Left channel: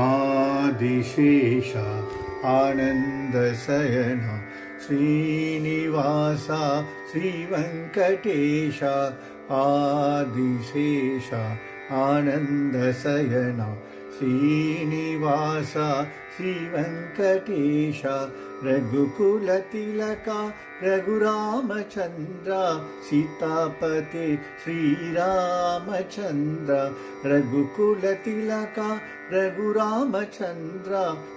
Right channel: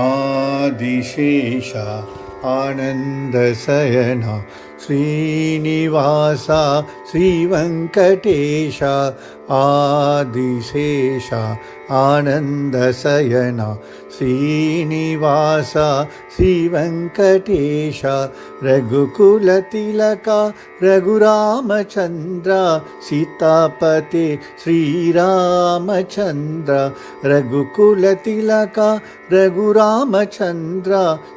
आदिशेष आनन्दशयन श्रीनिवास श्रीवेङ्कटेश आदिशेष आनन्दशयन श्रीनिवास श्रीवेङ्कटेश रघुकुलतिलक रघुरामचन्द्र सीतापते श्रीरामचन्द्र रघुकुलतिलक रघुरामचन्द्र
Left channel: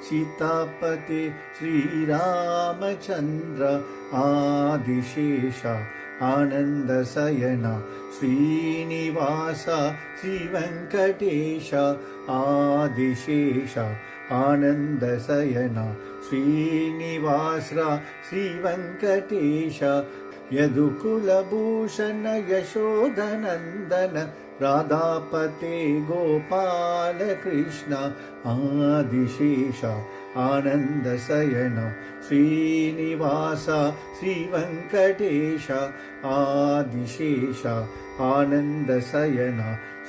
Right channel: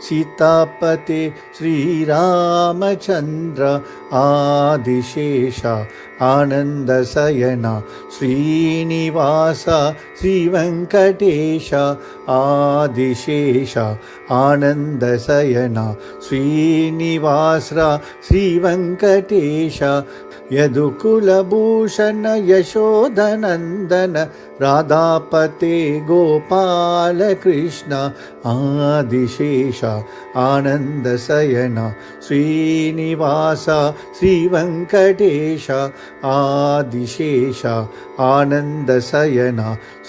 सीतापते श्रीरामचन्द्र आदिशेष आनन्दशयन श्रीनिवास श्रीवेङ्कटेश आदिशेष आनन्दशयन श्रीनिवास श्रीवेङ्कटेश यदुकुलभूषण यशोधनन्दन राधापते गोपाल कृष्ण आदिशेष आनन्दशयन श्रीनिवास श्रीवेङ्कटेश आदिशेष आनन्दशयन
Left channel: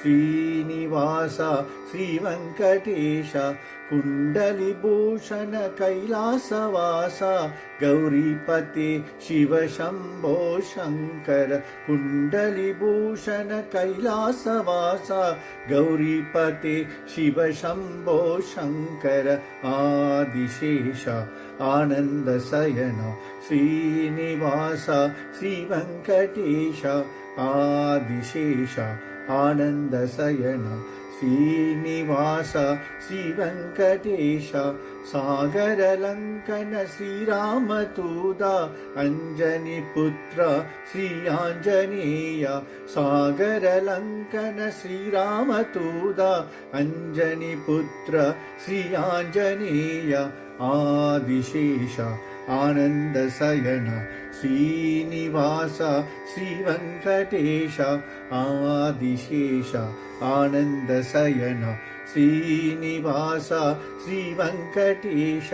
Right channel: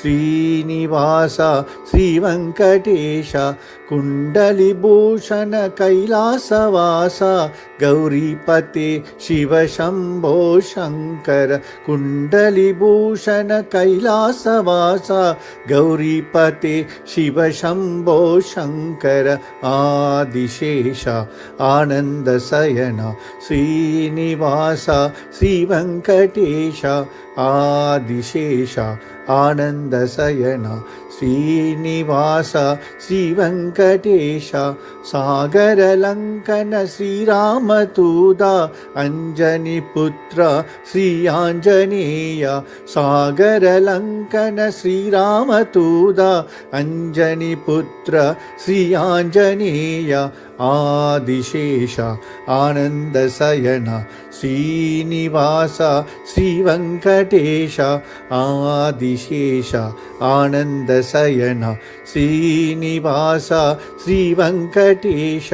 श्रीनिवास श्रीवेङ्कटेश कुण्डलिभूषण कैलासवास गौरीपते शिवशम्भो शङ्कर कुण्डलिभूषण कैलासवास गौरीपते शिवशम्भो शङ्कर आदिशेष आनन्दशयन श्रीनिवास श्रीवेङ्कटेश आदिशेष आनन्दशयन श्रीनिवास श्रीवेङ्कटेश सागरलङ्कन श्रीरामदूत अञ्जनीपुत्र श्री आञ्जनेय सागरलङ्कन श्रीरामदूत अञ्जनीपुत्र श्री आञ्जनेय आदिशेष आनन्दशयन श्रीनिवास श्रीवेङ्कटेश आदिशेष आनन्दशयन श्रीनिवास श्रीवेङ्कटेश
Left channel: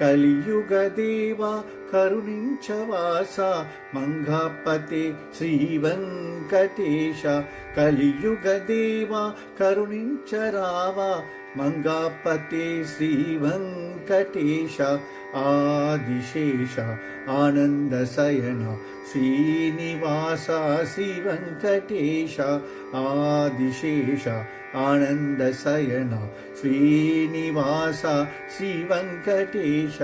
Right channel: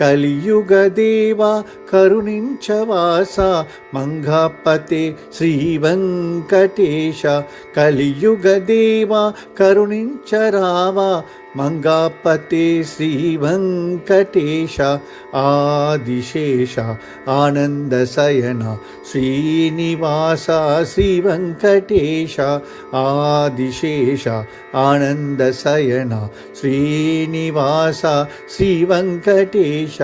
कलियुगदेव करुणिंचवास मंगपते श्रीवेङ्कटेश कलियुगदेव करुणिंचराव मंगपते श्रीवेङ्कटेश आदिशेष आनन्दशयन श्रीनिवास श्रीवेङ्कटेश आदिशेष आनन्दशयन श्रीनिवास श्रीवेङ्कटेश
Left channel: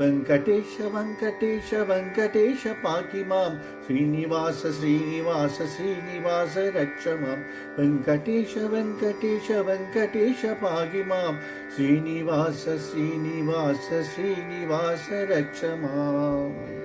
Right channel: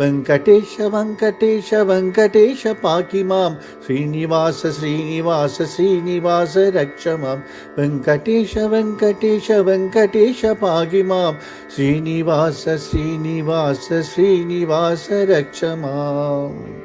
वेङ्कटेश वेङ्कटेश वेङ्कटेश पाहि मां श्रीनिवास श्रीनिवास श्रीनिवास रक्ष मां वेङ्कटेश वेङ्कटेश वेङ्कटेश पाहि मां श्रीनिवास श्रीनिवास श्रीनिवास रक्ष माम्।